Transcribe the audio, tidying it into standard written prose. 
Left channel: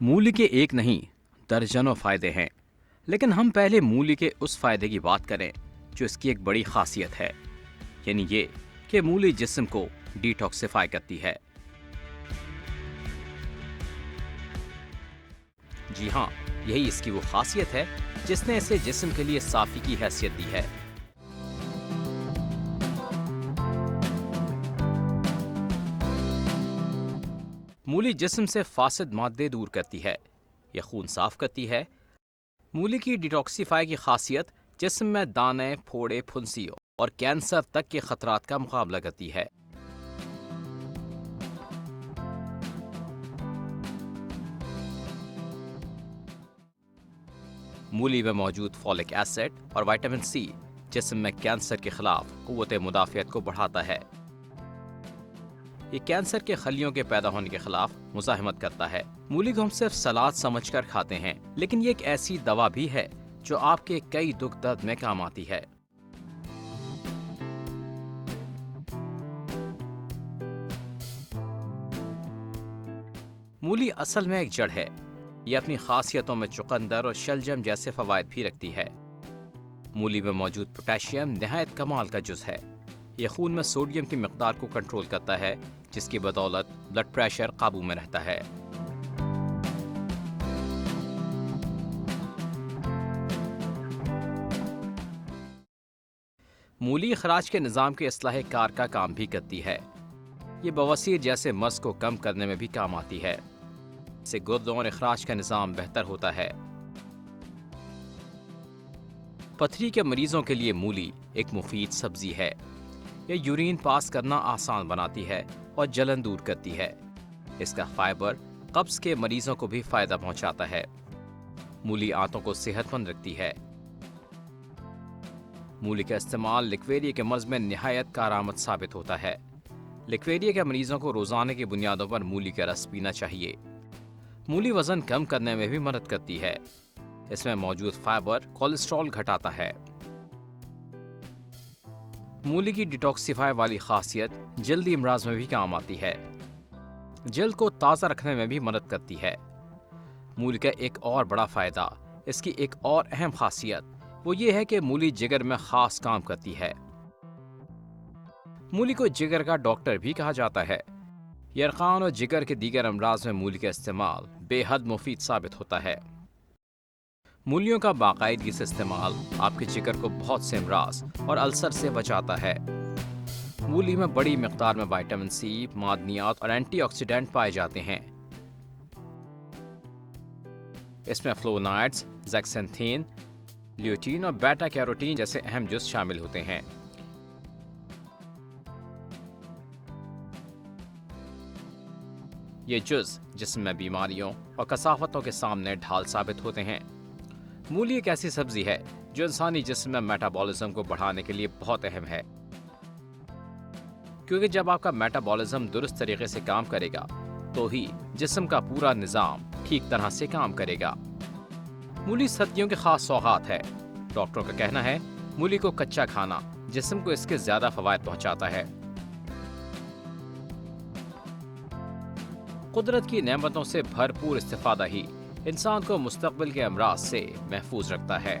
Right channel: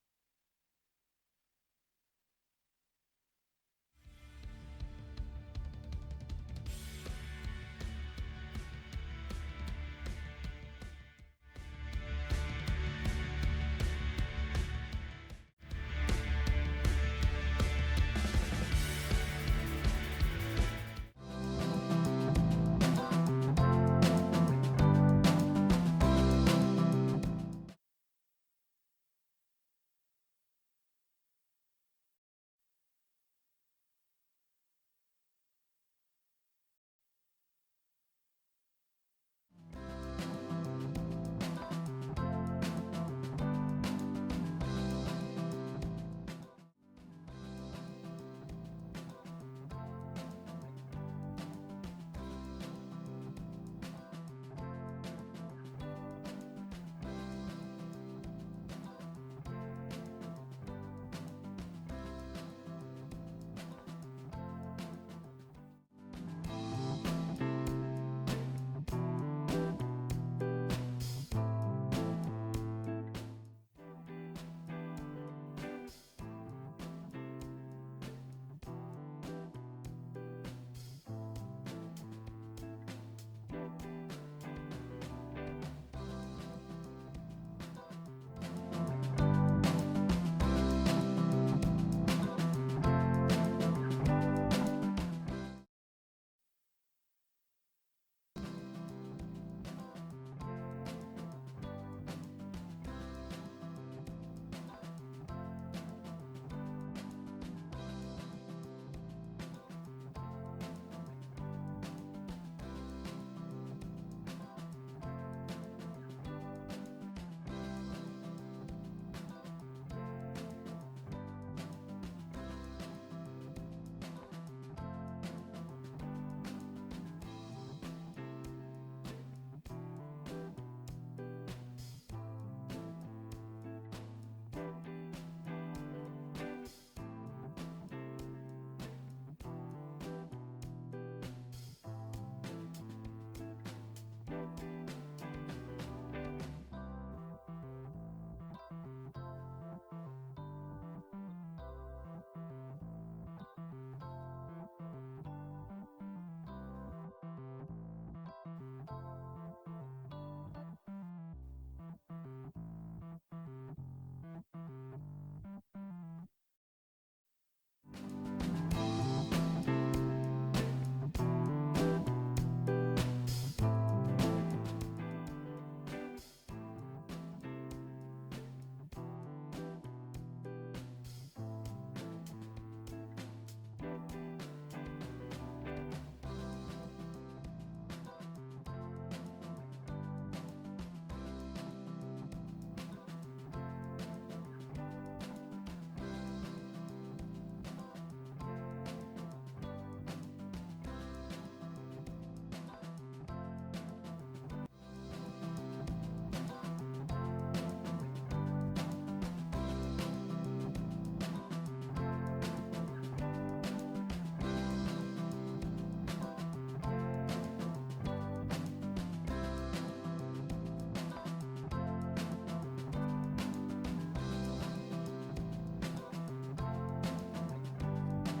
मूली के एक नहीं, दर्जनों फायदे हैं। लेकिन हम पहले मूली के उस फायदे की बात करें जो इसकी एक बड़ी खासियत है, यानी ये कि मूली जिस्म को डिटॉक्सिफाई करती है। जी हाँ, यही इसकी वो खासियत है जिसने इसे जिस्म के लिए साफी की हैसियत दी है। मूली जिस्म से फासिद मादे दूर करती है, यह खून साफ करती है। मूली की डिटॉक्सिफाई की खासियत जिस्म में दाने, फोड़े, फुंसी और कैंसर तक के खतरात का मुकाबला करती है। मूली में मौजूद फॉलिक एसिड और विटामिन सी जिस्म में कैंसर के खिलाफ कुव्वत मुदाफियत को बढ़ाता है। ये कैंसर के खलियों के पैदा होने के खिलाफ मुजाहिमत करता है। मूली को हम सिर्फ सलाद समझकर खाते हैं, लेकिन ये एक ऐसी दवा भी है जो आपके कई दुख दर्द में काम आती है। मूली असल में एक जड़ है। ये अपनी खासियतों में चुकंदर और शलजम जैसे फवायद भी रखती है। मूली में मौजूद पोटेशियम नहायत कमाल का जुज़ है। ये खून में सोडियम की मिकदार को कंट्रोल करता है, जिसकी बदौलत ब्लड प्रेशर काबू में रहता है। मूली खराज के निज़ाम के इस्लाह कार का काम भी करती है। ये बवासीर जैसे मर्ज को कम करने में भी काम आती है। इससे गुर्दों और अखराज का निज़ाम बेहतर होता है। पथरी के मरीजों के लिए मूली एक मुफीद सब्जी है। यह यूरिन पास करना आसान बनाती है और जलन दूर करती है। इसका फाइबर कब्ज के मरीजों को भी फायदा पहुंचाता है। मूली आंतों को सेहतमंद रखती है। मूली का इस्तेमाल लिक्वेरिया के मर्ज में निहायत कारआमद साबित होता है। लिक्वेरिया के मरीजों को रोजाना की बुनियादों पर मूली का रस पीना चाहिए। मूली वजन कम करने में भी मदद करती है। इसमें मौजूद फाइबर कोलेस्ट्रॉल घटाता है। मूली की डिटॉक्सिफाई वाली खासियत जल्दी इमराज में भी काम आती है। जल्द को ताज़ा रखने में भी मदद करती है। मूली का एक और बड़ा फायदा, इसकी एक और अहम खासियत वो ये है कि मूली जिगर में खास काम करती है। मूली को जिगर का डॉक्टर भी कहा जाता है। यरकान और जिगर के दीगर अमराज में मूली का इस्तेमाल बेहद मुफीद साबित होता है। मूलियों का बाकायदगी से इस्तेमाल आपके जिगर को बहुत से अमराज और अल्सर से बचाता है। मूली में बड़ी मिकदार में विटामिन सी, मादनियात और एंटीऑक्सीडेंट पाए जाते हैं। इसमें फ्लोनाइड्स, ज़ैक्सेंथीन, ल्यूटीन और बेटा कैरोटीन जैसे अहम जुज़ शामिल होते हैं। ये जुज़ जिस्म में बीमारियों और कसावतों के सामने ढाल साबित होते हैं। मूली एक ऐसी सब्जी है जो इंसानी जिस्म में मेटाबॉलिज्म को बढ़ाने के लिए बहुत अहम है, क्योंकि जब आपका मेटाबॉलिज्म दुरुस्त तरीके से काम करेगा तो ही जिस्म का पूरा निज़ाम ठीक तरह से काम करेगा। मूली सर्दियों के खास सौगात है। डॉक्टरों का कहना है मूली को कच्चा खाना जिस्म को इसके ज्यादा फवायद पहुंचाता है। कुदरत की नेमतों से भरपूर इस्तिफादा ही इंसान को मुस्तकबिल के अमराज से महफूज रखता है।